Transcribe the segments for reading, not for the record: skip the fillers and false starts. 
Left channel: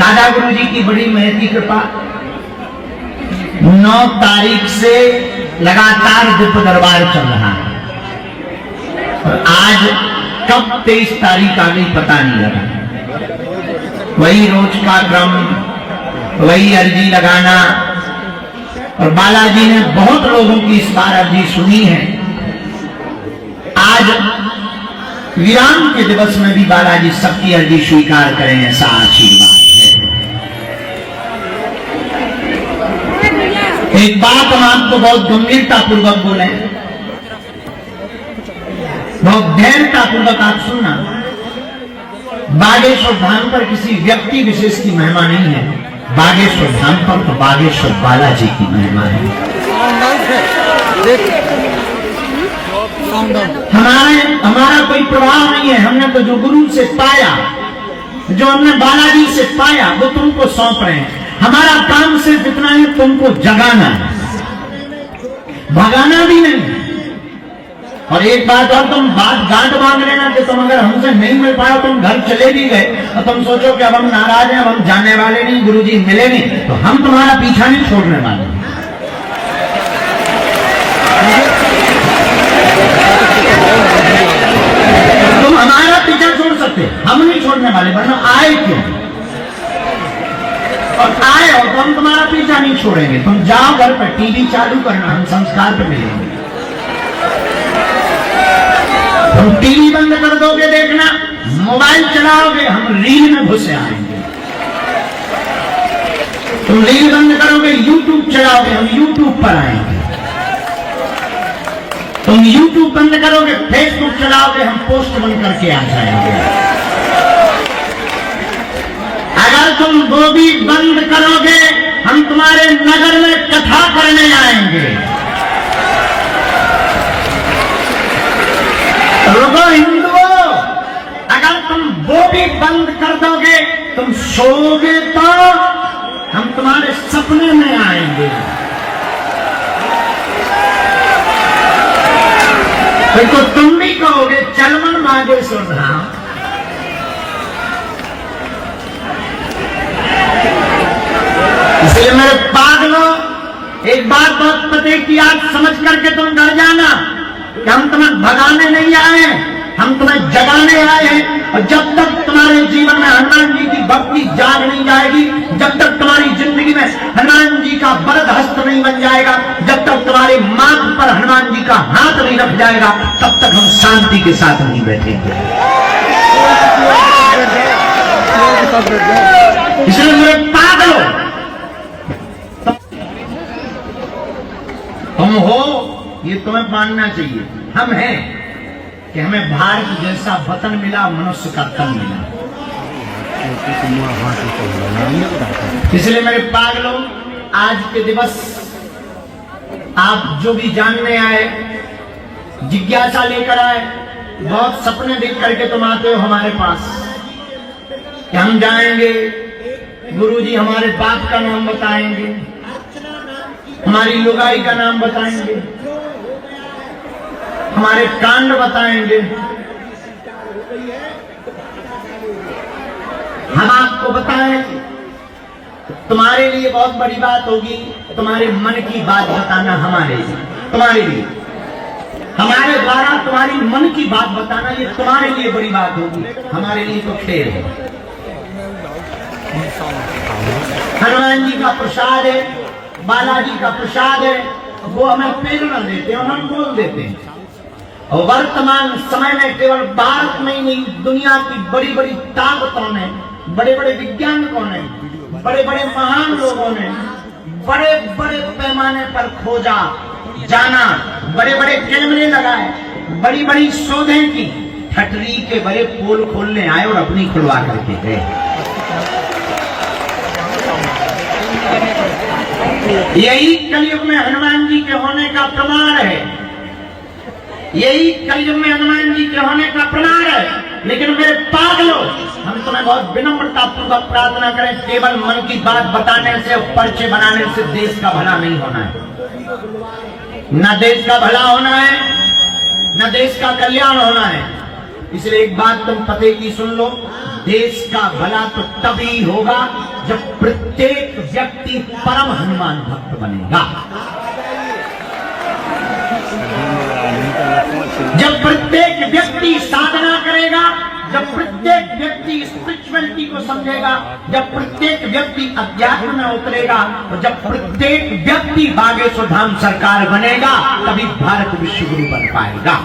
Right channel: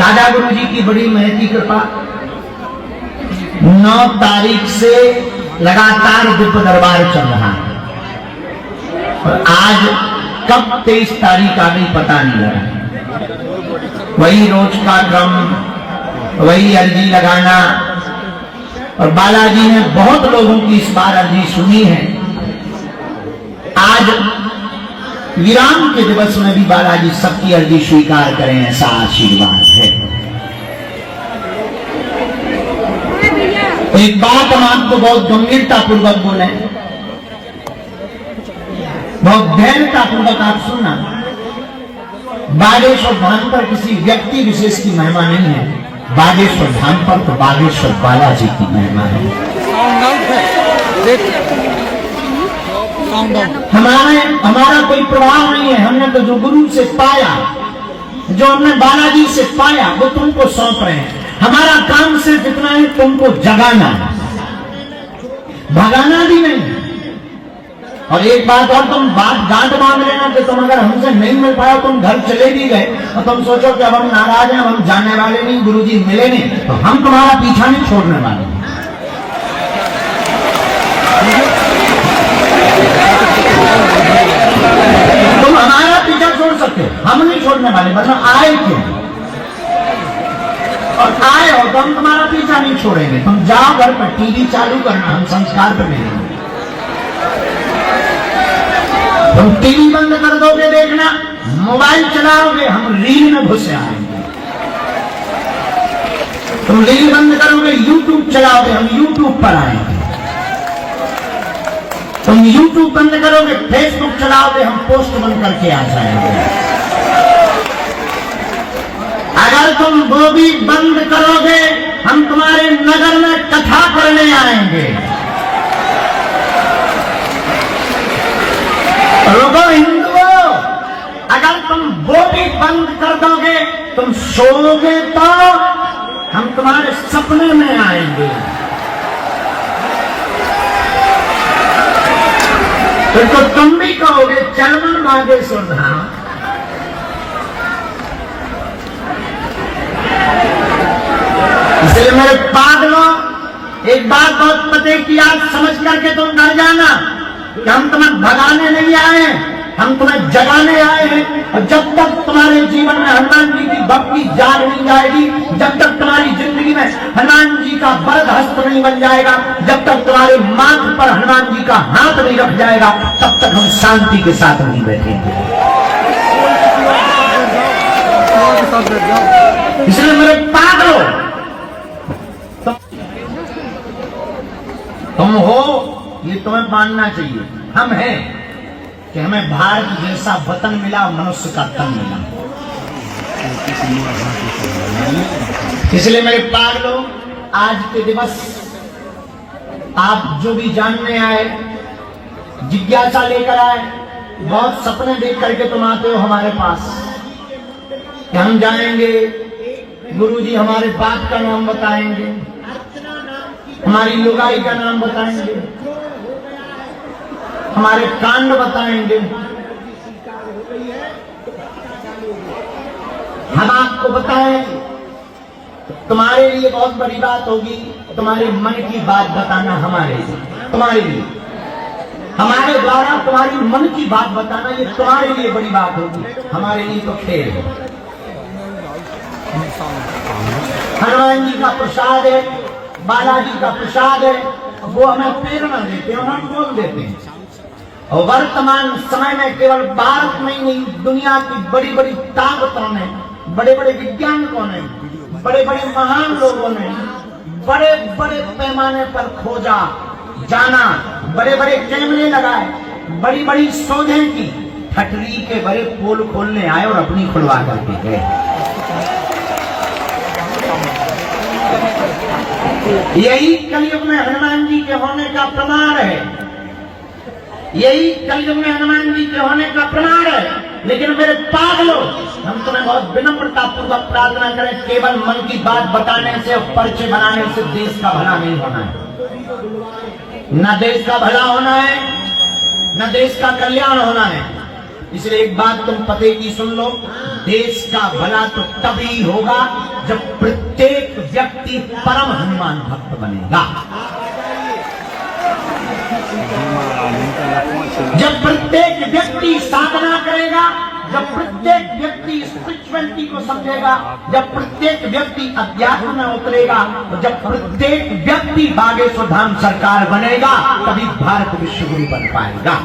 दादा गुरु जी की बड़ी महती कृपा, 9 तारीख से लगातार दिव्य दरबार चल रहा है और आज कब 23 तारीख आ गई पता नहीं लगा। वही रोज का क्रम, वही अर्जी लगाना, और बालाजी ने बहुत लोगों की इस बार अर्जी सुनी है। आज विराम के दिवस में भी बालाजी सबकी अर्जी स्वीकार करें, ऐसा आशीर्वाद है। एक बात हम आपको बहुत गंभीरता पूर्वक बोले, बहुत धैर्यता पूर्वक आप सुनना। बागेश्वर धाम पर किसी व्यक्ति विशेष की महिमा नहीं है, बागेश्वर धाम पर तो बागेश्वर बालाजी की महिमा है। हमारा कोई प्रभाव नहीं है, हमने तो जो गुरु से पाया, जो हमने बालाजी से पाया, वो तुमको सौंप रहे हैं। हमारा काम सिर्फ इतना है, तुमको जगाना है, भगाना भी नहीं। और एक बात और, तुम बात गांठ मांग लेना कि तुम अगर हमसे नहीं मिल पाया, तुम घर चले भी गए और तुम सोचो कि अब हम नाराज हैं, अब हम जाने वाले नहीं, गुरुजी मिले नहीं, तो हम तुम्हारा पीछा नहीं छोड़ने वाले। तुम हमारा पीछा छोड़ सकते, हम नहीं छोड़ने वाले, मतलब आए क्यों, और आए हो तो हम तुम्हारा पीछा नहीं छोड़ेंगे। तुम जाओ घर पर, टीवी चालू करना, हम संस्कार पे मिलेंगे। तुम टीवी बंद कर दोगे देखना, मोबाइल चलाओगे, हम रील में घुसे आएंगे। तुम रील बंद करोगे, यूट्यूब चलाओगे, हम यूट्यूब पर आएंगे। तुम यूट्यूब बंद करोगे, फेसबुक चलाओगे, हम पोस्ट बंद करके आ जाएंगे। अगर तुम वो भी बंद करोगे, हम तुम्हारे नगर में कथा करने आएंगे। रुको हिंदुओं, अगर तुम वो भी बंद कर दोगे, तुम सोओगे तो हम तुम्हारे सपने में आएंगे। फिर तो तुम भी कहोगे चल मन बागेश्वर धाम। इसलिए मेरे पागलों, एक बात बहुत पते की आज समझ करके तुम डर जाना कि हम तुम्हें भगाने नहीं आए, हम तुम्हें जगाने आए हैं। और जब तक तुम्हारे जीवन में हनुमान जी की भक्ति जाग नहीं जाएगी, जब तक तुम्हारी जिंदगी में हनुमान जी का वरद हस्त नहीं बन जाएगा, जब तक तुम्हारे माथ पर हनुमान जी का हाथ नहीं रख जाएगा, तब तक हम शांति के साथ नहीं बैठेंगे। इसलिए मेरे पागलों, तुम हो ये तुम्हें मानना चाहिए, हम हैं कि हमें भारत जैसा वतन मिला, मनुष्य का तन मिला। इसलिए मेरे पागलों, आज के दिवस आप जो भी जानने आए, जिज्ञासा लेकर आए, बहुत सपने देख करके तुम आते हो हमारे पास कि हम जाएंगे, गुरुजी हमारे बाप का नाम बताएंगे, हमारी लुगाई का नाम बताएंगे, हमारे कांड बताएंगे। हम आपको बताएं, तुम्हारे लिए बहुत बड़ी बात होगी, तुम्हारे मन की बात बताना हमारे लिए, तुम्हारे लिए, हमारे द्वारा तुम्हारी मन की बात बताना, ये तुम्हारे लिए बड़ी बात होगी, हमारे लिए तो खेल है। हनुमान जी का प्रसाद है, बालाजी का प्रसाद है, वो हमें प्रेरणा देते हैं, हम बोल देते हैं। और वर्तमान समय में केवल भारत में ही नहीं, दुनिया की बड़ी बड़ी ताकतों ने, बड़े बड़े वैज्ञानिकों ने, बड़े बड़े महान लोगों ने बड़े बड़े पैमाने पर खोजा, जाना, बड़े बड़े कैमरे लगाए, बड़ी बड़ी शोधें की, ठटरी के बड़े पोल खोलने आए और अपनी खुलवा करके गए। यही कलयुग में हनुमान जी के होने का प्रमाण है, यही कलयुग में हनुमान जी के होने का प्रमाण है। लेकिन मेरे पागलों, हम तुम्हें बहुत विनम्रता पूर्वक प्रार्थना करें, केवल मन की बात बताने से, पर्चे बनाने से देश का भला नहीं होना है। न देश का भला होना है, न देश का कल्याण होना है। इसलिए एक बात तुम पते की सुन लो, देश का भला तो तभी होगा जब प्रत्येक व्यक्ति परम हनुमान भक्त बनेगा। जब प्रत्येक व्यक्ति साधना करेगा, जब प्रत्येक व्यक्ति स्पिरिचुअलिटी को समझेगा, जब प्रत्येक व्यक्ति अध्यात्म में उतरेगा, तो जब प्रत्येक व्यक्ति बागेश्वर धाम सरकार बनेगा, तभी भारत विश्व गुरु बन पाएगा।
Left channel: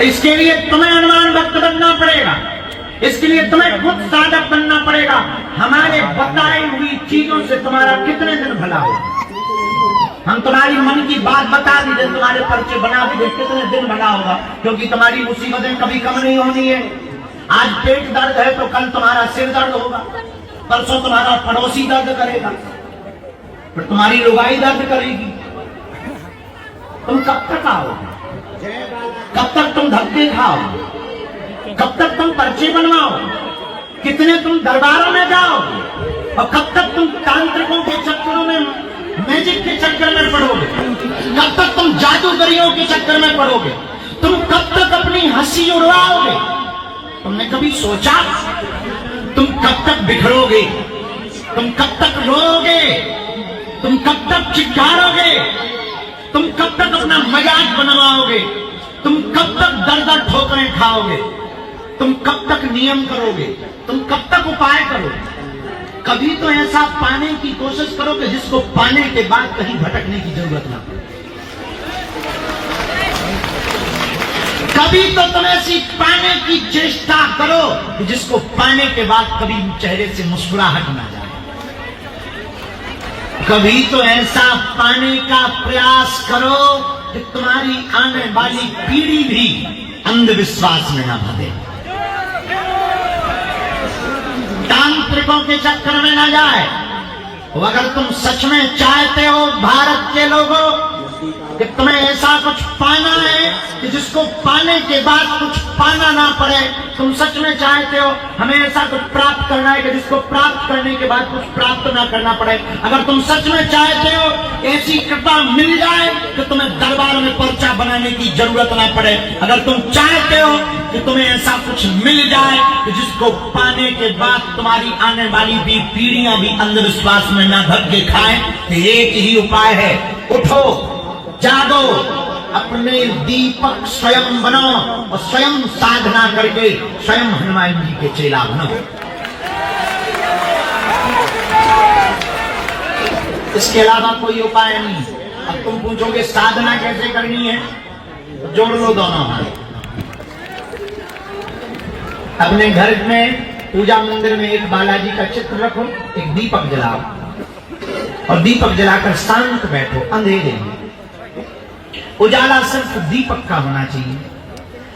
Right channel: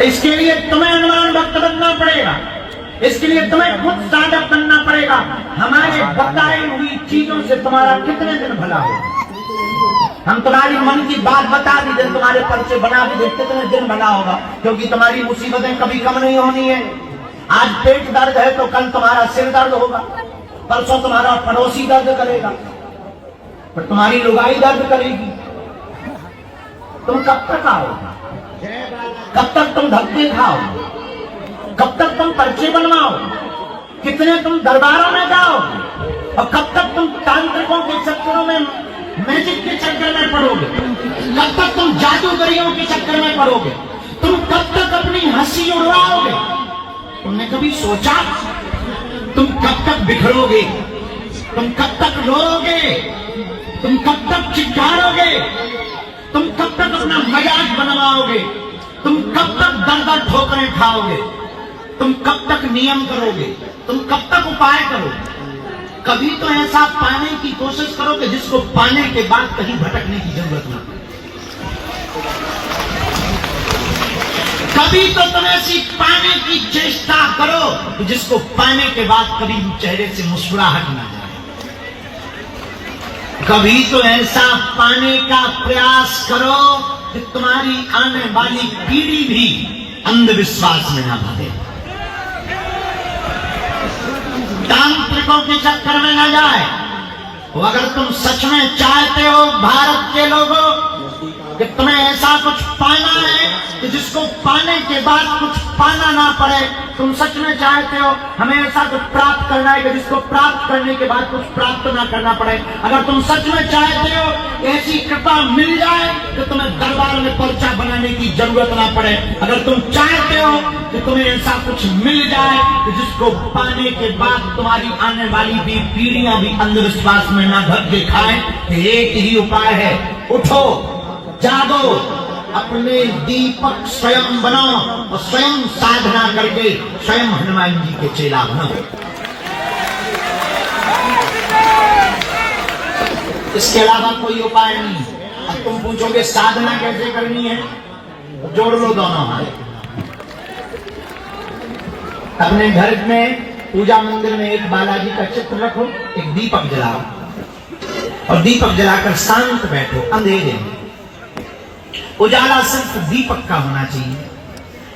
इसके लिए तुम्हें हनुमान भक्त बनना पड़ेगा, इसके लिए तुम्हें खुद साधक बनना पड़ेगा। हमारे बताई हुई चीजों से तुम्हारा कितने दिन भला होगा। हम तुम्हारी मन की बात बता भी दें, तुम्हारे पर्चे बना भी दें, कितने दिन भला होगा, क्योंकि तुम्हारी मुसीबतें कभी कम नहीं होनी है। आज पेट दर्द है तो कल तुम्हारा सिर दर्द होगा, परसों तुम्हारा पड़ोसी दर्द करेगा, फिर तुम्हारी लुगाई दर्द करेगी। तुम कब तक आओगे? कब तक तुम धक्के खाओगे? कब तक तुम पर्चे बनवाओगे? कितने तुम दरबारों में जाओगे? और कब तक तुम तांत्रिकों के चक्करों में, मैजिक के चक्कर में पड़ोगे? कब तक तुम जादूगरियों के चक्कर में पड़ोगे? तुम कब तक अपनी हंसी उड़वाओगे? तुमने कभी सोचा तुम कब तक बिखरोगे? तुम कब तक रोओगे? तुम कब तक चिल्लाओगे? तुम कब तक अपना मजाक बनवाओगे? तुम कब तक दर ठोकरें खाओगे? तुम कब तक नियम करोगे? तुम कब तक उपाय करोगे? कभी तो ऐसा पाने की कोशिश करो कि जिसको पाने के बाद कहीं भटकने की जरूरत ना पड़े। कभी तो तुम ऐसी पाने की चेष्टा करो कि जिसको पाने के बाद कभी चेहरे से मुस्कुराहट ना जाए। कभी तो ऐसा पाने का प्रयास करो कि तुम्हारी आने वाली पीढ़ी भी अंधविश्वास में ना भगे, तांत्रिकों के चक्कर में न जाए। तो अगर तुम सच में चाहते हो भारत के लोगों कि तुम्हें ऐसा कुछ पाना है कि जिसको पाने के बाद कुछ पाना ना पड़े, तुम सच में चाहते हो हमें ऐसा कुछ प्राप्त करना है कि जिसको प्राप्त करने के बाद कुछ प्राप्त ना करना पड़े, अगर तुम सच में चाहते हो ऐसी कृपा मिल जाए कि तुम्हें दरबार में पर्चा बनाने की जरूरत ना पड़े, अगर तुम चाहते हो कि तुम्हें ऐसा कुछ मिल जाए कि जिसको पाने के बाद तुम्हारी आने वाली भी पीढ़ियां भी अंधविश्वास में ना धक्के खाए, तो एक ही उपाय है, उठो, जागो, अपने दीपक स्वयं बनो और स्वयं साधना करके स्वयं हनुमान जी के चेला बनो। इसके अलावा कोई उपाय नहीं। अब तुम पूछोगे साधना कैसे करनी है, तो जोड़ लो दोनों हाथ। अपने घर में पूजा मंदिर में एक बालाजी का चित्र रखो, एक दीपक जलाओ और दीपक जलाकर शांत बैठो अंधेरे में। उजाला सिर्फ दीपक का होना चाहिए।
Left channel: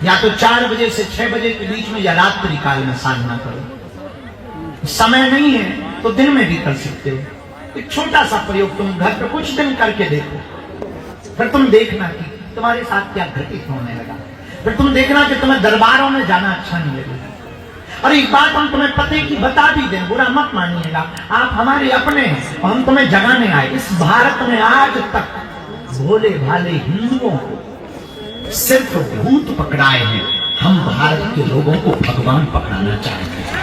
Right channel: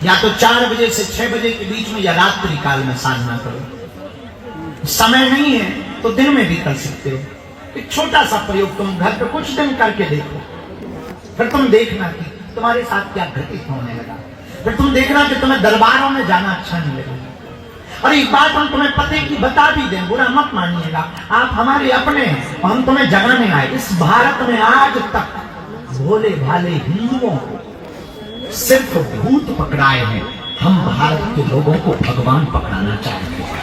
या तो 4 बजे से 6 बजे के बीच में या रात्रि काल में साधना करो। समय नहीं है तो दिन में भी कर सकते हो। एक छोटा सा प्रयोग तुम घर पे कुछ दिन करके देखो, फिर तुम देखना कि तुम्हारे साथ क्या घटित होने लगा। फिर तुम देखना कि तुम्हें दरबारों में जाना अच्छा नहीं लगेगा। और एक बात हम तुम्हें पते की बता भी दें, बुरा मत मानिएगा, आप हमारे अपने हैं और हम तुम्हें जगाने आए। इस भारत में आज तक भोले भाले हिंदुओं को सिर्फ भूत पकड़ाए हैं, हम भारत के लोगों को भगवान पकड़ाना चाहते हैं।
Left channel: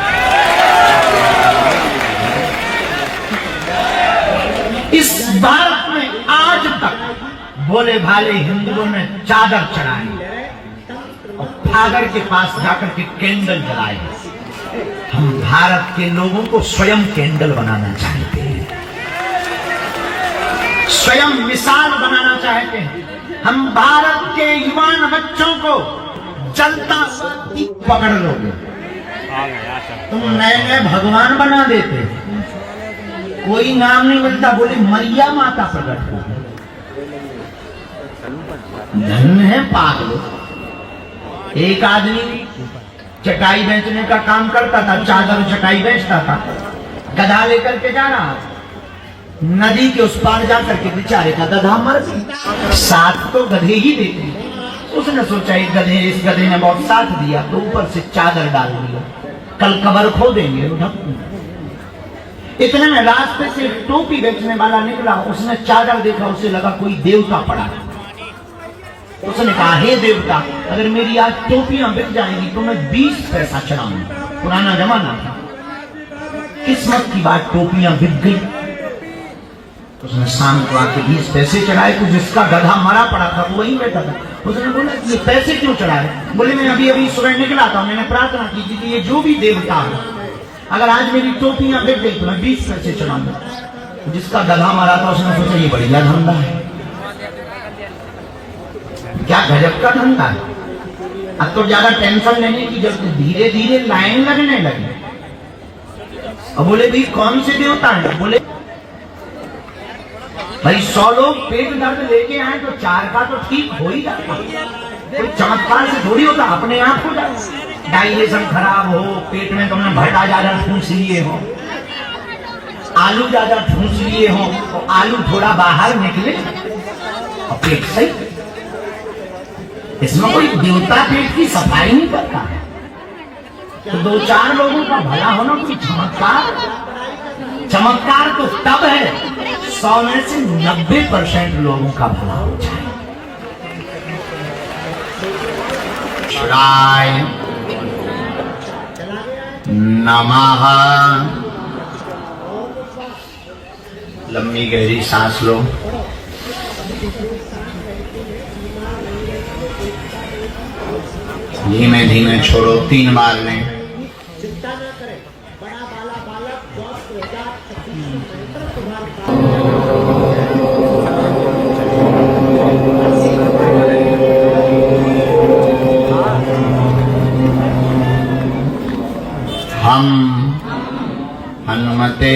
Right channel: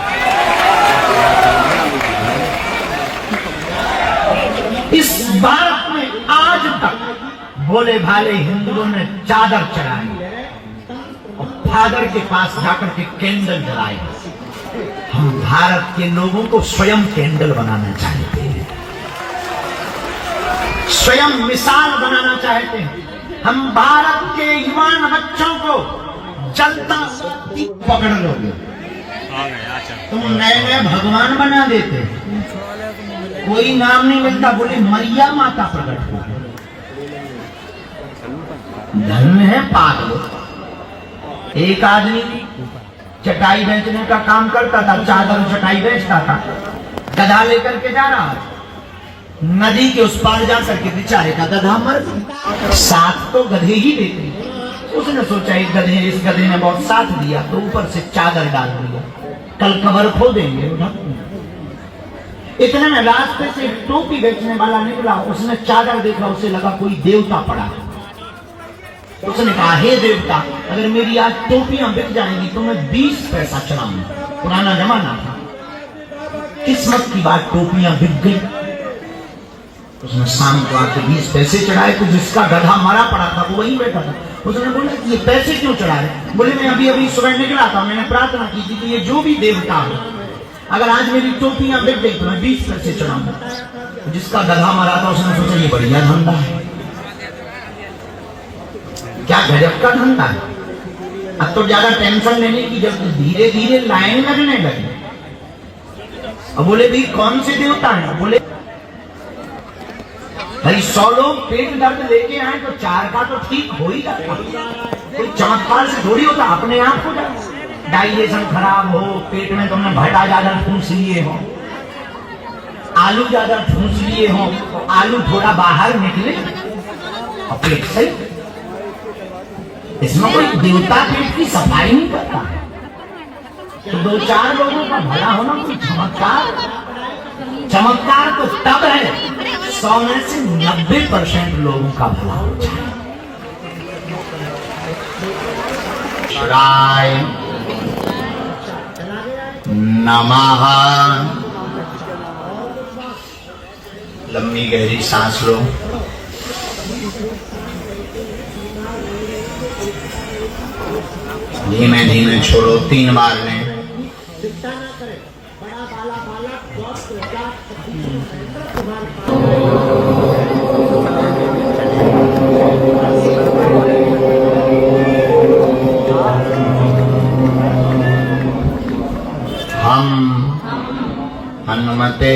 इस भारत में आज तक भोले भाले हिंदुओं ने चादर चढ़ाई और फादर के पास जाकर के कैंडल जलाए। हम भारत के लोगों को स्वयं कैंडल बनाना चाहते हैं, स्वयं मिसाल बनाना चाहते हैं। हम भारत के युवान बच्चों को जलता पकड़ लोगे, तुम नए नए भगवान बना देते, कोई नाम नहीं मिलता, बोले मैया माता प्रकट हो। धन्य है पागल। एक आदमी चटाई बेचने का काम करता था, चादर चटाई बेचता था, गधा लेकर के जा रहा था, नदी के उस पार जाकर के बेचारे का गधा मर गया। साथ तो गधे ही देते। उसने सोचा इस गधे ने बहुत साथ दिया तो ऊपर से चादर डाल दिया, कल कबर खो देंगे। इतने में रास्ते से टोपी बेचने वाला निकला, उसने चादर देखा, उसे लगा कोई देवता पड़ा है। उसने कहा हे देवता, अगर मेरी आज टोपियां बिक जाएंगी तो मैं 20 पैसा चढ़ाऊंगा। पुराना जमाना था। किस्मत की बात, टोपियां बिक गई। उसने शाम को आके 20 पैसे चढ़ाए। तो जिसका गधा मरा पड़ा था वो वहीं बैठा था। उसने बोला ये पैसे क्यों चढ़ाए? बोले मैं अभी अभी सुबह निकला था, मैंने प्रार्थना की थी कि ये जो भी देवता हो, अगर आज मेरी टोपियां बिक गई तो मैं 20 पैसे चढ़ाऊंगा। जिसका गधा मरा था उसने सोचा ये बढ़िया धंधा है, क्या गजब का धंधा है। अब तो ज्यादा टेंशन लेने की जब धीरे धीरे लाइन लगने लगी। अब बोले भाई कौन से देवता है? बोले भाई 100 लोग पेट दर्द लेके आए तो 4 का तो ठीक हो ही जाता। कोई चमत्कार से थोड़ी होता, अपने आप हो जाता। डाइजेशन खराब हो, पेट में तुमने भट्टा ज्यादा ठूस लिए हो, आलू ज्यादा ठूस लिए हो, तो आलू थोड़ा बाहर निकले और पेट सही। इसमें कोई देवता पेट की सफाई नहीं करता है। तो 2-4 लोगों का भला होना कोई चमत्कार? चमत्कार तो तब है 100 में से 90% लोगों का भला हो जाए। शिवाय नमः। लंबी गहरी सांस लो। धीमे धीमे छोड़ो, 3 बार लें। हम हनुमते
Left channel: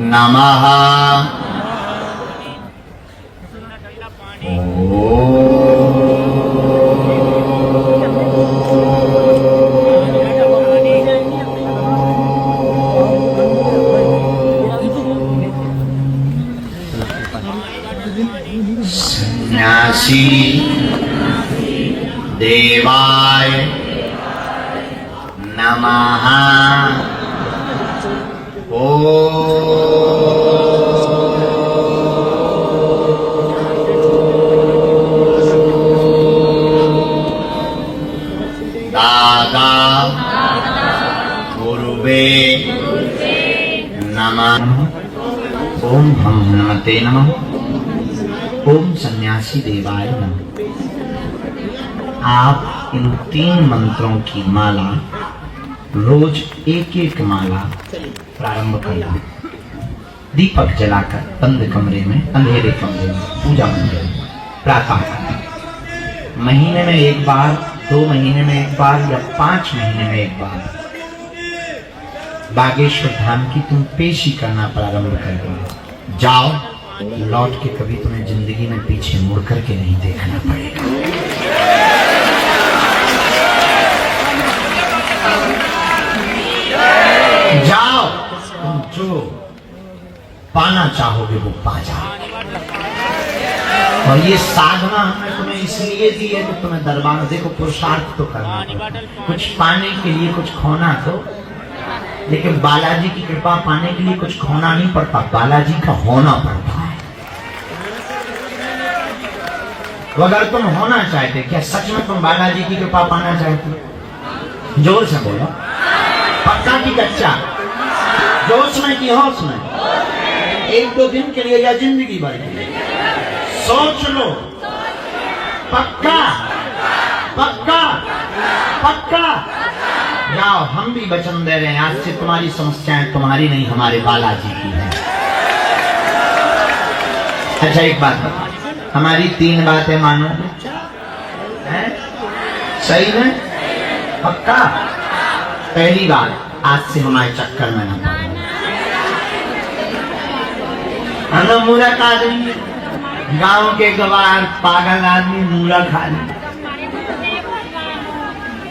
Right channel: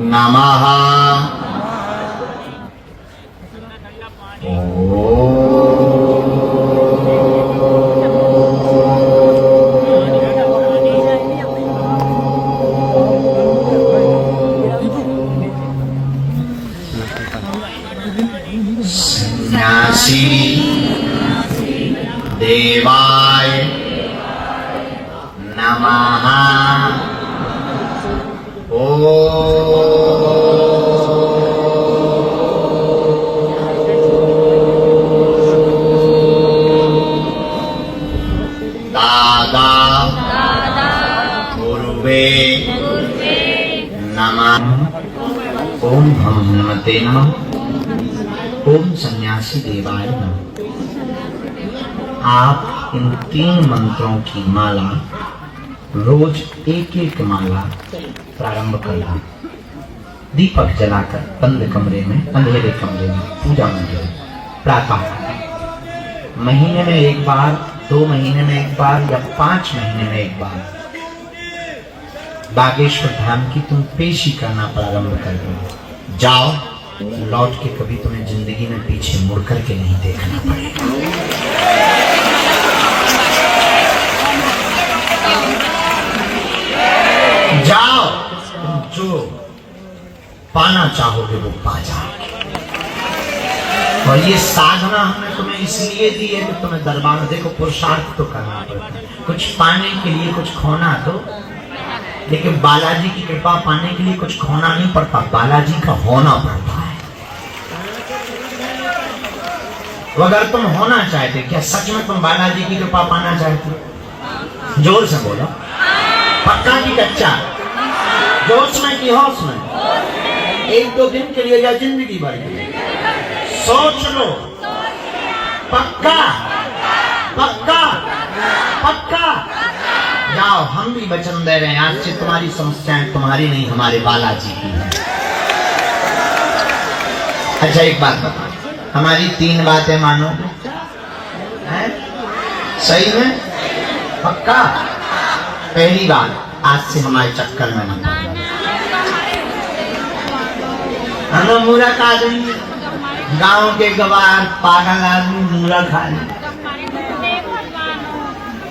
नमः। सन्यासी देवाय नमः। दादा गुरुवे नमः। ओम हम हनुमते नमः। ओम सन्यासी देवाय नमः। आप इन 3 मंत्रों की माला रोज एक माला प्रारंभ करना। दीपक जलाकर बंद कमरे में, अंधेरे कमरे में, पूजा मंदिर में प्रातः करें। महीने में 1 बार, 2 महीने में 1 बार या 5 महीने में 1 बार बागेश्वर धाम की तुम पेशी करना प्रारंभ कर दो। जाओ, लौट के कभी तुम्हें जिंदगी में पीछे मुड़ करके नहीं देखना पड़ेगा। जाओ, तुम जो पाना चाहोगे वो पा जाओगे। और ये साधना हमने तुम्हें इसलिए दी है कि तुम्हें दरबार, देखो पुरुषार्थ तो करना पड़ता है, कुछ पाने के लिए कुछ खोना तो, लेकिन बालाजी की कृपा पाने के लिए कुछ खोना नहीं पड़ता, बालाजी का होना पड़ता है। तो अगर तुम होना चाहते, क्या सच में तुम बालाजी की कृपा पाना चाहते? जोर से बोलो, पक्का की कच्चा, जोश में की होश में, 1-2 दिन के लिए या जिंदगी भर के लिए? सोच लो, पक्का पक्का पक्का। जाओ, हम भी वचन दे रहे हैं, आज से तुम्हारी समस्याएं तुम्हारी नहीं, हमारे बालाजी की है। अच्छा एक बात बता, हमारी 3 बातें मानो है? सही है? पक्का? पहली बात, आज से हमारे चक्कर में न पड़ो। हम मूर्ख आदमी, गांव के गवार पागल आदमी मूर्ख खा ले।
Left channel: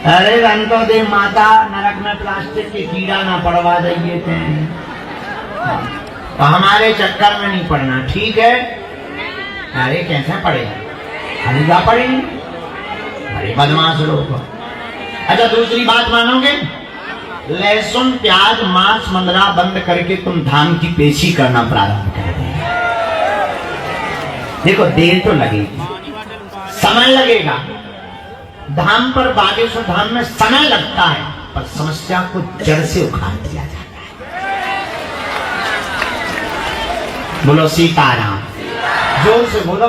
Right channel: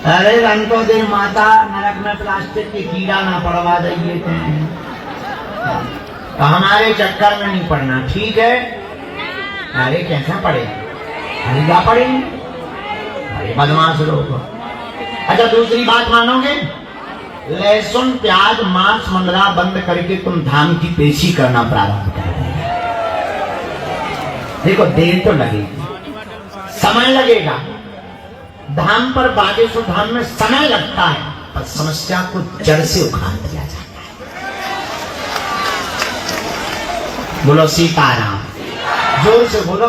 अरे रंतो दे माता, नरक में प्लास्टिक की कीड़ा ना पड़वा देंगे थे, तो हमारे चक्कर में नहीं पड़ना, ठीक है? अरे कैसे पड़ेगा? हरीगा पड़ेंगे, अरे बदमाश लोग। अच्छा दूसरी बात मानोगे? लहसुन प्याज मांस मंदरा बंद करके तुम धाम की पेशी करना प्रारंभ कर दो। देखो देर तो लगेगी, समय लगेगा। धाम पर बागेश्वर धाम में समय लगता है, पर समस्या को जड़ से उखाड़ दिया जाता है। बोलो सीताराम। जोर से बोलो,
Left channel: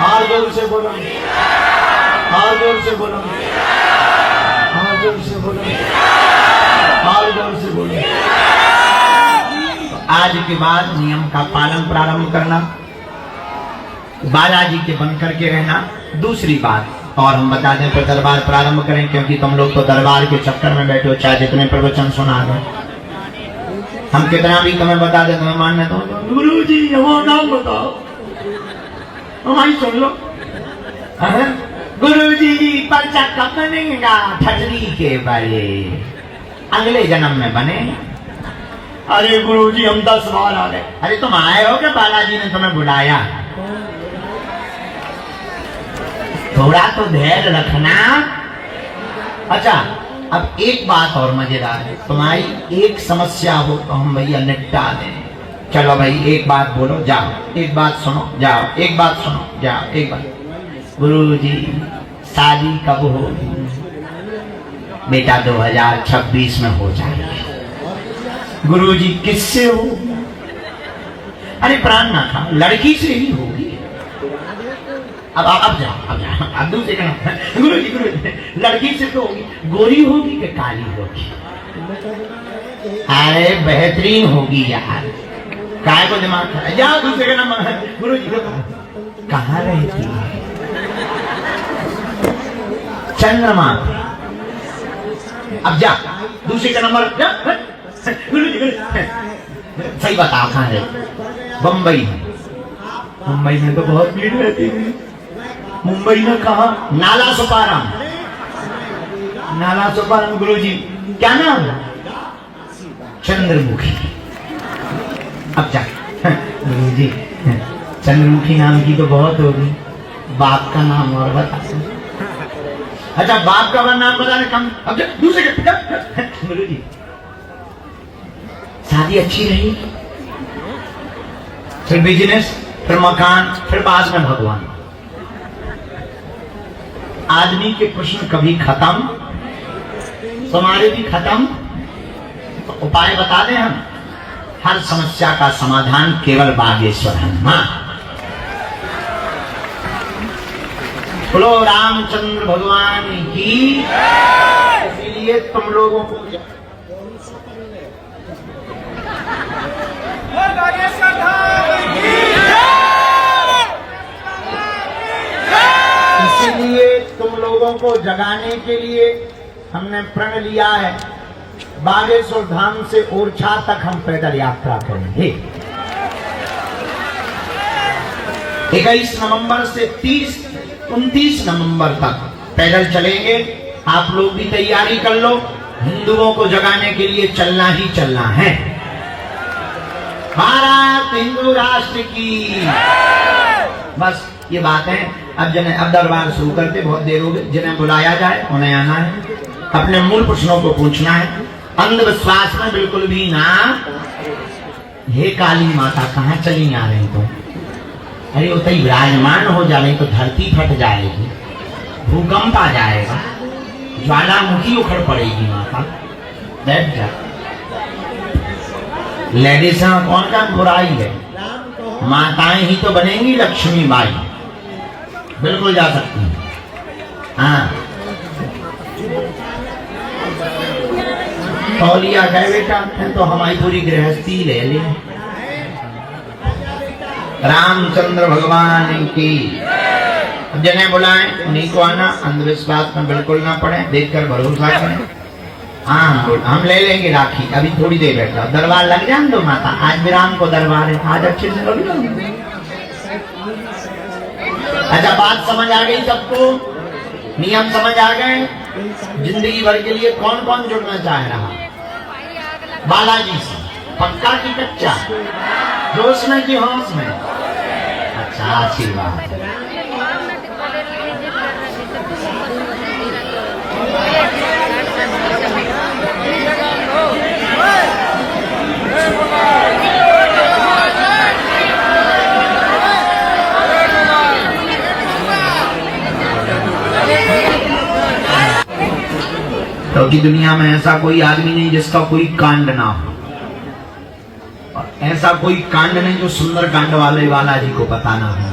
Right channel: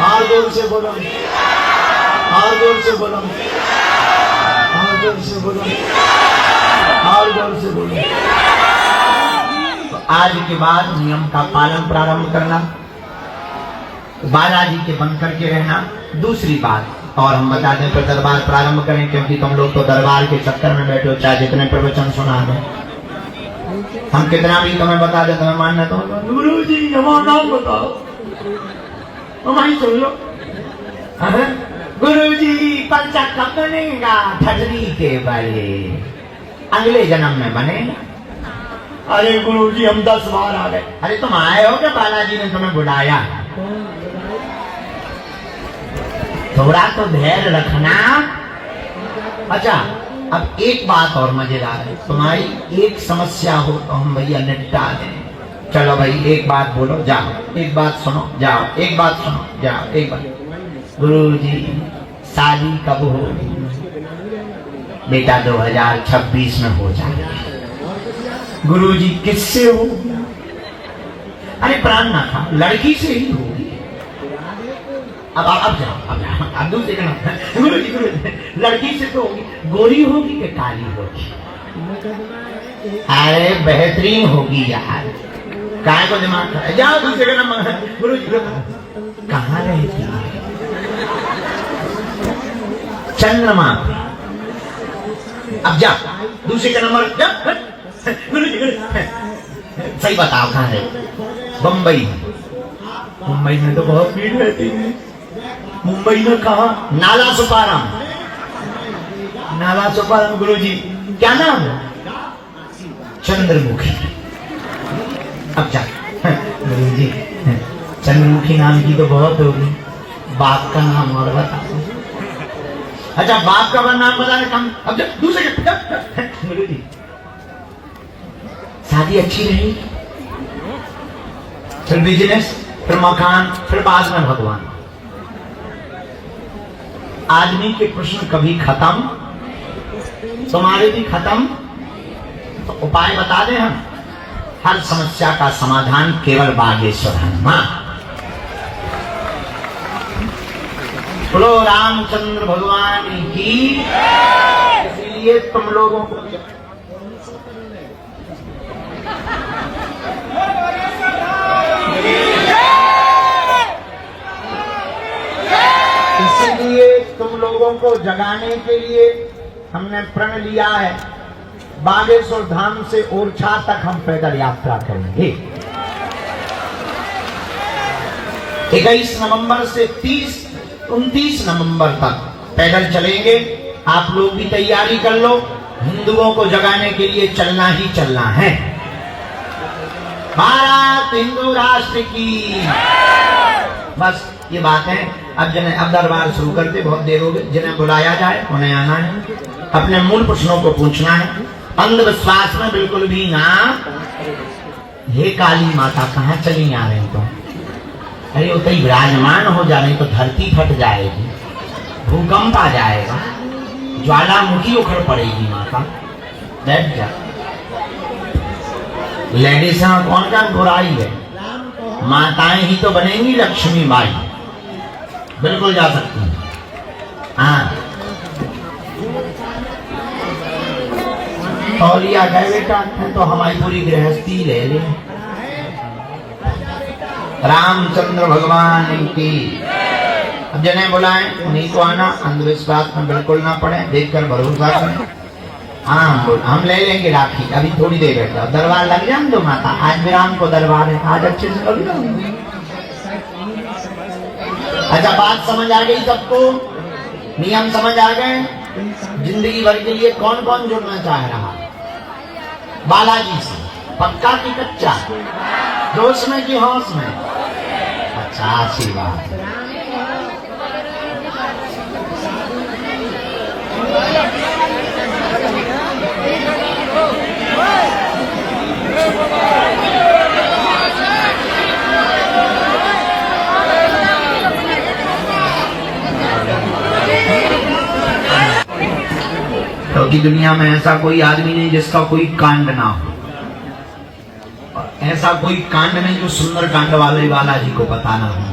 और जोर से बोलो, और जोर से बोलो, और जोर से बोलो, और जोर से बोलो। तो आज के बाद नियम का पालन प्रारंभ करना, बालाजी के बन करके रहना। दूसरी बात और हम बता दें, फिर दरबार प्रारंभ करें, क्योंकि तुम लोग तो दरबार के चक्कर में बैठे हो, चाहे जितने प्रवचन सुना दो। हम कितना भी तुम्हें बता दे, तुम्हें मानना तो गुरु जी हमारा नाम बताओ, हमारी सुन लो। गुरु जी पर्चा कब बनेगा? ठगरी के बड़े अगले जन्म में बनेगा। अरे गुरु जी हम 10 बार आ गए। अरे तुम आए हो कि बालाजी ने तुम्हें बुलाया? थोड़ा तो धैर्य रखना। अच्छा, अब एक बात और मजेदार है, तुम्हारी एक समस्या हो तो हम भैया निपटा दें। चलो भाई, एक बात बोलो, जाओ, एक बात सुनो, जाओ, एक बात सुनो, जाओ, एक बात। गुरुजी शादी कब होगी? बेटा 2026 में हो जाएगी। गुरुजी किससे हो? अरे प्राण ना खा, लड़की से ही होगी। अब जाओ, अब जाओ, अब दूसरे का गुरुजी लड़की से तो होगी। गोरी होगी कि काली होगी? अरे बेहतरीन होगी यार, काय को दिमाग है। जाओ दूसरे का नंबर। गुरुजी कहाँ रहती है? चंद्रमा पे। अब जा दूसरे का नंबर। गुरुजी सही बताओ कहाँ है? बम्बई। मुंबई में तो बहुत भीड़ रहती है। मुंबई में कहा? नाला सुपाराम। नाला सुपाराम। गुरुजी क्या नाम है? चंद्रमुखी। अब जा गुरुजी, चंद्रमुखी नाम की तो बहुत होगी, बाप का नाम और बता। अच्छा, बाप का नाम बताने कम। अब जा दूसरे गुरुजी शादी अच्छी रही, फिर बिजनेस, फिर मकान, फिर बाद में भगवान। आदमी के प्रश्न कभी खत्म, तुम्हारे भी खत्म। तो उपाय बता दें हम, हर समस्या का समाधान केवल बागेश्वर हनुमान। बोलो रामचंद्र भगवान की। इसलिए तुम लोगों को तुम लोगों को जगाने के लिए हमने प्रण लिया है, बागेश्वर धाम से ओरछा तक हम पैदल यात्रा करेंगे। 21 नवंबर से 29 नवंबर तक पैदल चलेंगे। आप लोग भी तैयारी कर लो, हिंदुओं को जगाने के लिए चलना ही चलना है। भारत हिंदू राष्ट्र की। बस ये बात है। अब दरबार शुरू करते, बहुत देर हो गई। जिन्हें बुलाया जाए उन्हें आना है, अपने मूल प्रश्नों को पूछना है, अंधविश्वास में बिल्कुल भी ना। हे काली माता कहाँ चली आ रही तो? अरे उतनी विराजमान हो जा रही तो धरती फट जाएगी, भूकंप आ जाएगा, ज्वालामुखी उखड़ पड़ेगी माता। बैठ जा। लेडीज में कौन का बुराई है? माताएं ही तो बनेंगी लक्ष्मी बाई। बिल्कुल जा सकती हैं। हाँ, तौलिया गए बेटा तो हमारी पूरी गृहस्थी ले ले। रामचंद्र भगवान की। अब जिन्हें बुलाएं उन्हीं को आना, अंधविश्वास में बिल्कुल ना पड़े, देखकर भरोसा करें। हाँ, हम ले लेंगे राखी, अभी थोड़ी देर बैठा। दरबार लग जाए दो माता, आज विराम को दरबार है, आज अच्छे से लग जाएंगे। अच्छा, बात समझ आ गई सबको? नियम समझ आ गए? जिंदगी भर के लिए कौन कौन जुड़ना चाह रहा? बालाजी से पक्का की कच्चा? जोश में कि होश में? अच्छा, आशीर्वाद। क्योंकि दुनिया में ऐसा कोई आदमी नहीं जिसका कोई कांड ना हो, और ऐसा कोई कांड नहीं जो सुंदर कांड वाले बालाजी को पता ना हो।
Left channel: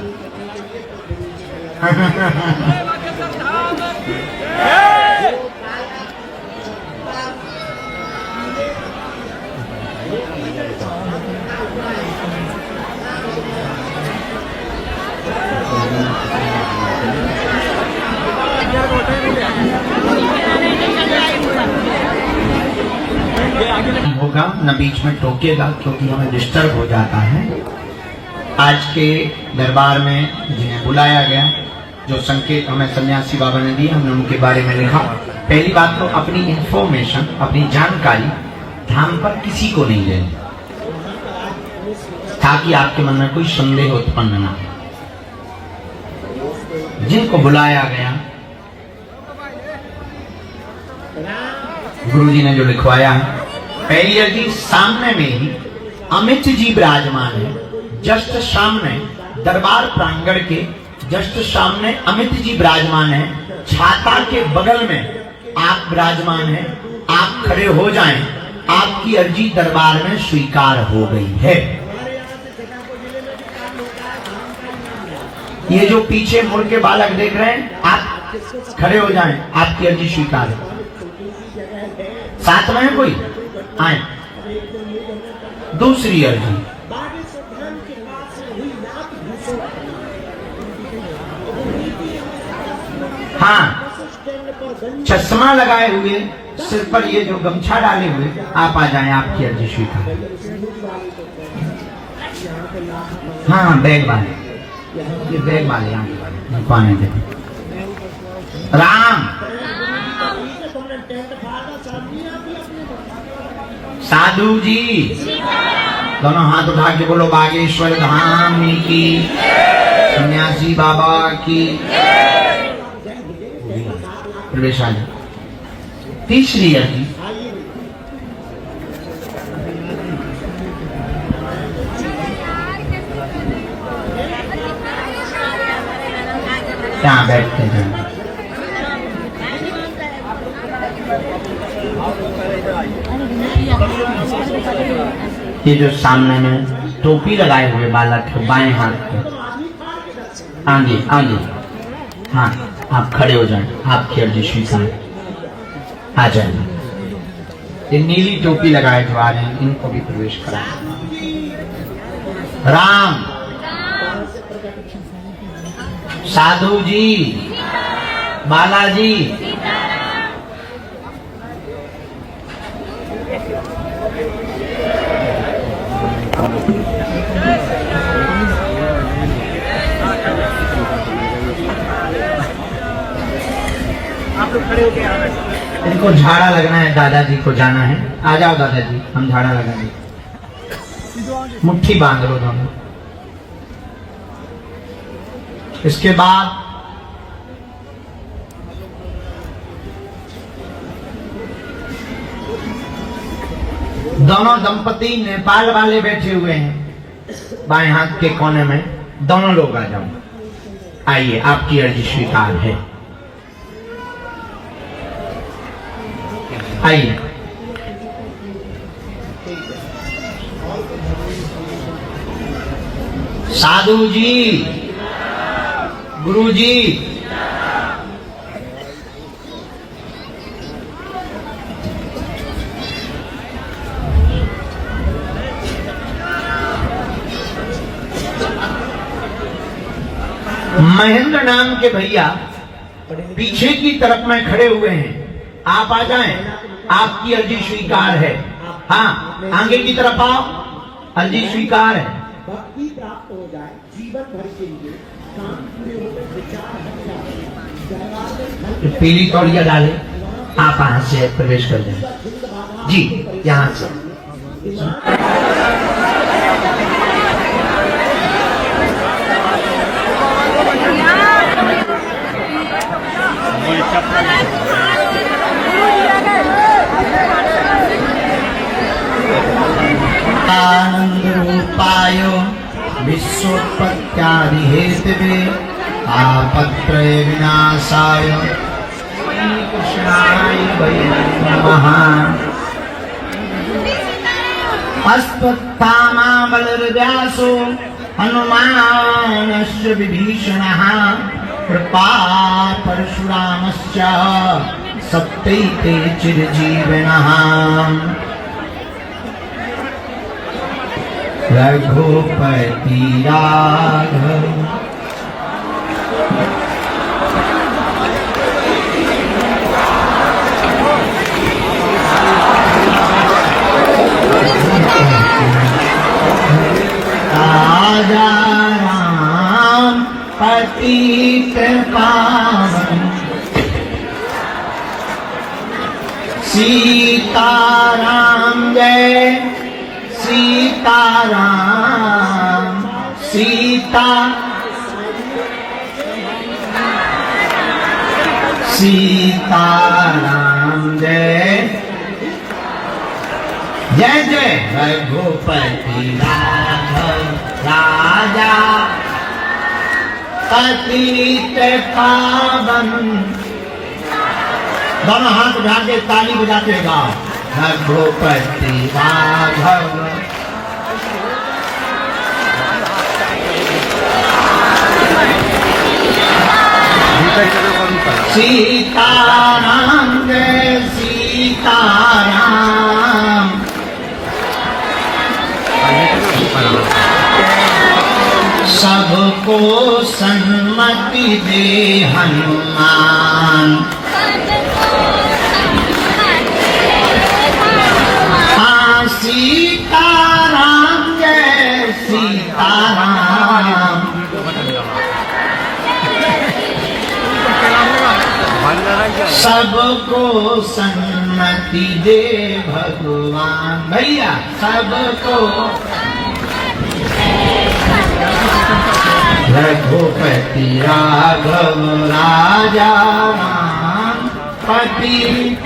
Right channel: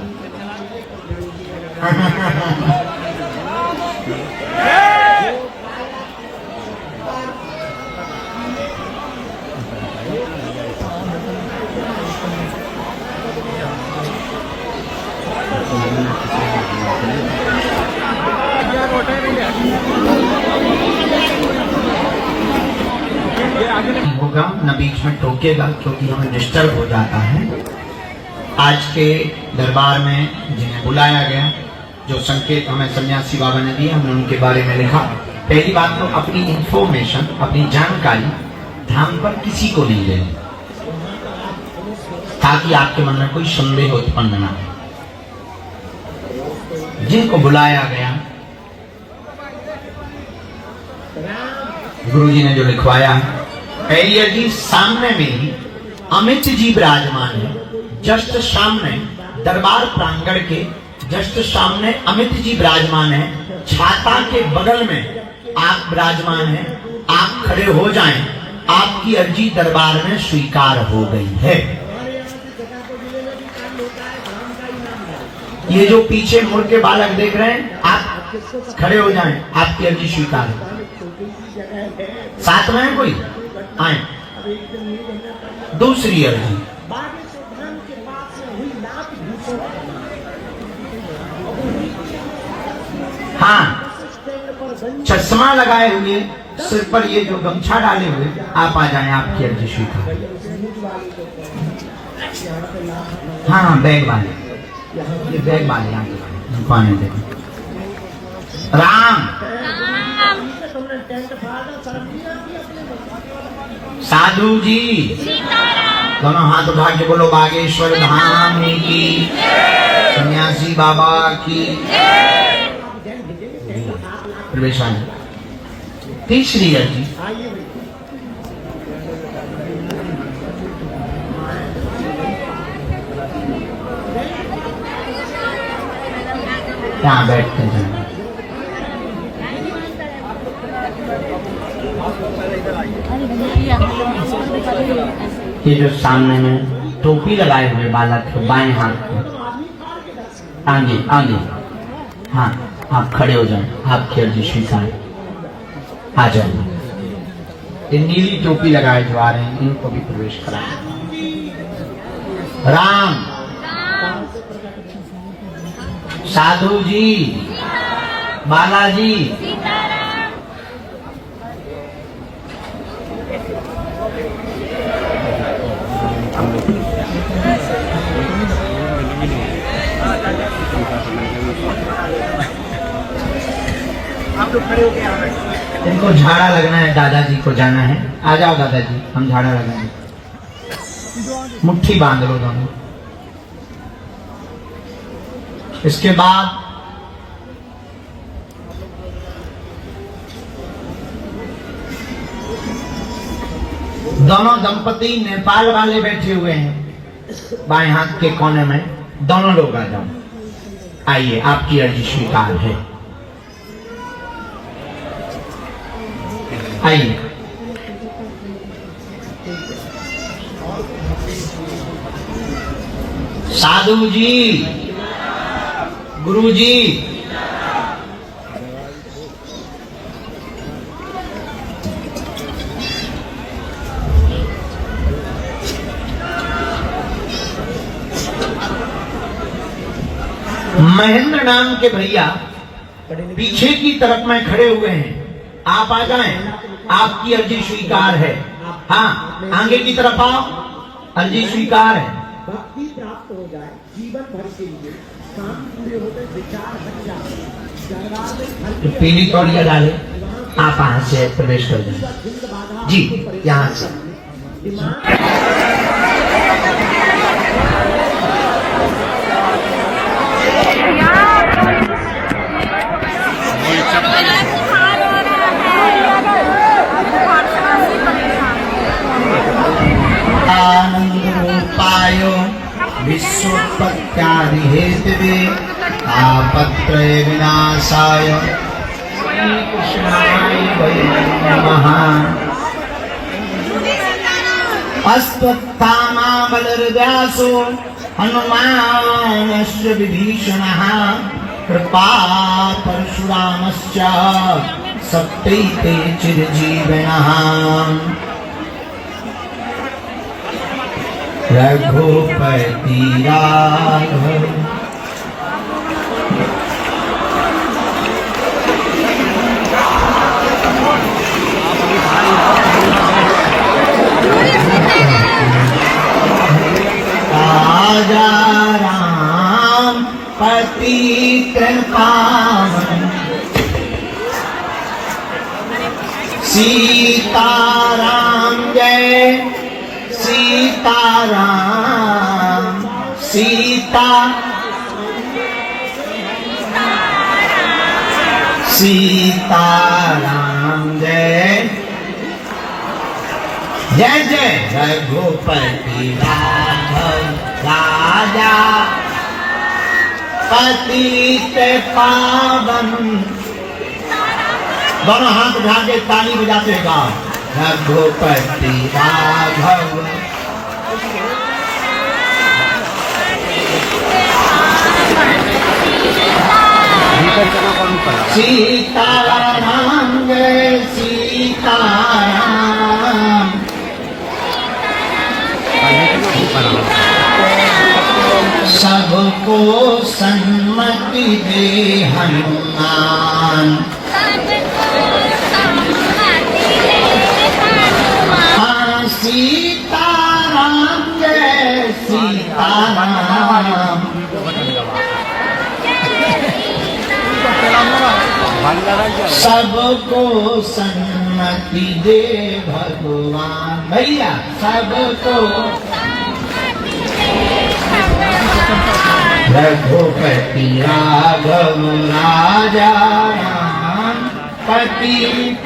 होगा न बीच में टोकेगा, क्योंकि हमें डिस्टर्ब हो जाता है। आज के दरबार में जिन्हें बुलाया गया, जो संकेत हमें सन्यासी बाबा ने दिए, हमने उनके बारे में लिखा। पहली बात तो अपनी इंफॉर्मेशन, अपनी जानकारी धाम पर किसी को नहीं देनी, ताकि आपके मन में कोई संदेह उत्पन्न ना हो। जिनको बुलाया गया, गुरु जी ने जो लिखवाया, पहली जी सामने में ही अमित जी विराजमान है, जस्ट सामने दरबार प्रांगण के जस्ट सामने अमित जी विराजमान है। छाता के बगल में आप विराजमान हैं, आप खड़े हो जाएं, आपकी अर्जी दरबार में स्वीकार हो गई है। ये जो पीछे मुड़ के बालक देख रहे हैं, आप खड़े हो जाएं, आपकी अर्जी स्वीकार हो। साथ में है कोई? आए। दूसरी अर्जी, हाँ, चश्मा लगाए हुए, सिर पर ये जो गमछा डाले हुए, आप आ जाएं, आपकी अर्जी स्वीकार। हाँ, बैग वाले, ये बैग वाले यहाँ कौन है? देखो, राम, साधु जी, दोनों हाथ उठा के बोलो बागेश्वर धाम की, सन्यासी बाबा की। प्रवेश आ जाए। तीसरी अर्जी, क्या बैठते हैं? ये जो सामने में टोपी लगाए हुए बालक है, बाएं हाथ में, आगे आगे, हाँ, आप खड़े हो जाएं, आपकी अर्जी स्वीकार। आ जाए। ये नीली टोपी लगाए जो आ रहे हैं, इनको भी प्रवेश कराएं। राम, साधु जी, बालाजी, आप लोग खड़े होके आ रहे हैं। इनको झाड़ा लगना है, दादाजी को जाना है। आ जाओ दादाजी, हम झाड़ा लगाएंगे। मुट्ठी बांध लो दोनों। इसके बाद दोनों दंपति नेपाल वाले बैठे हुए हैं बाएं हाथ के कोने में, दोनों लोग आ जाओ। आइए, आपकी अर्जी स्वीकार है। आइए। साधु जी, गुरु जी, महेंद्र नाम के भैया पीछे की तरफ में खड़े हुए हैं, आप आ जाएं, आपकी अर्जी स्वीकार है। हाँ, आगे की तरफ आओ, अर्जी स्वीकार है। भक्ति प्राप्त हो जाए, जीवन भर के लिए शांति होकर विचार हट जाए। पीली तौलिया डाले, आप यहाँ से प्रवेश कर जाए जी, यहाँ से। आनंद रूपाय विश्वोत्पत्त्यादि हेतवे आपत्रय विनाशाय कृष्णाय वै नमः। अश्वत्थामा बलर्व्यासो हनुमानश्च विभीषणः कृपात् परशुरामश्च सप्तैते चिरजीविनः। रघुपति राघव राजा राम पतित पावन सीताराम जय सीताराम सीता सीताराम जय जय जय रघुपति राघव राजा पतित पावन। दोनों हाथ उठा के ताली बजाते गाओ रघुपति राघव सीताराम जय सीताराम। सबको सन्मति दे हनुमान। हाँ सीताराम जय सीताराम। सबको सन्मति दे भगवान। भैया सबको रघुपति राघव राजा राम पतित।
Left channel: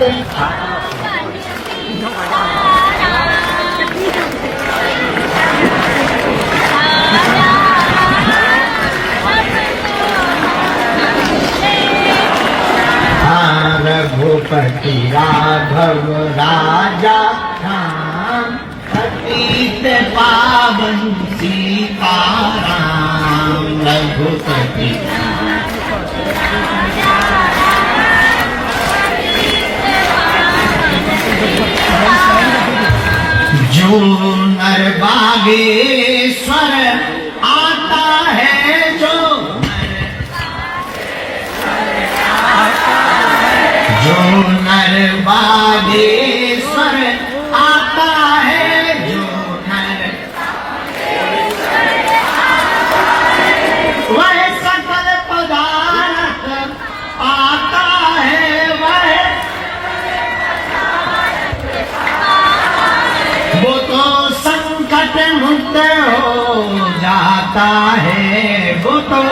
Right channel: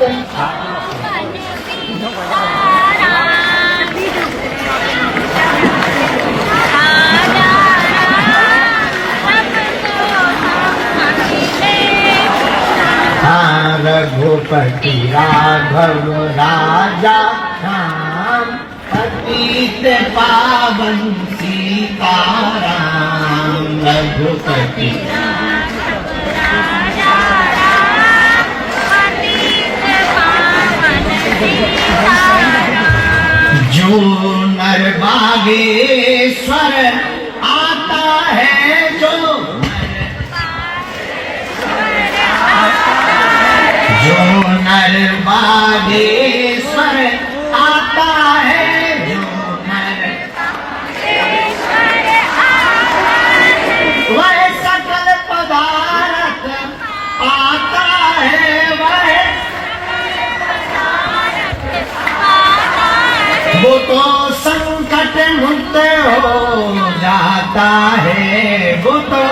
रघुपति राघव राजा राम पतित पावन सीताराम। रघुपति जो नर बागेश्वर आता है जो नर बागेश्वर आता है जो नर वह सकल पदार्थ आता है वह वो तो संकट मुक्त हो जाता है। वो तो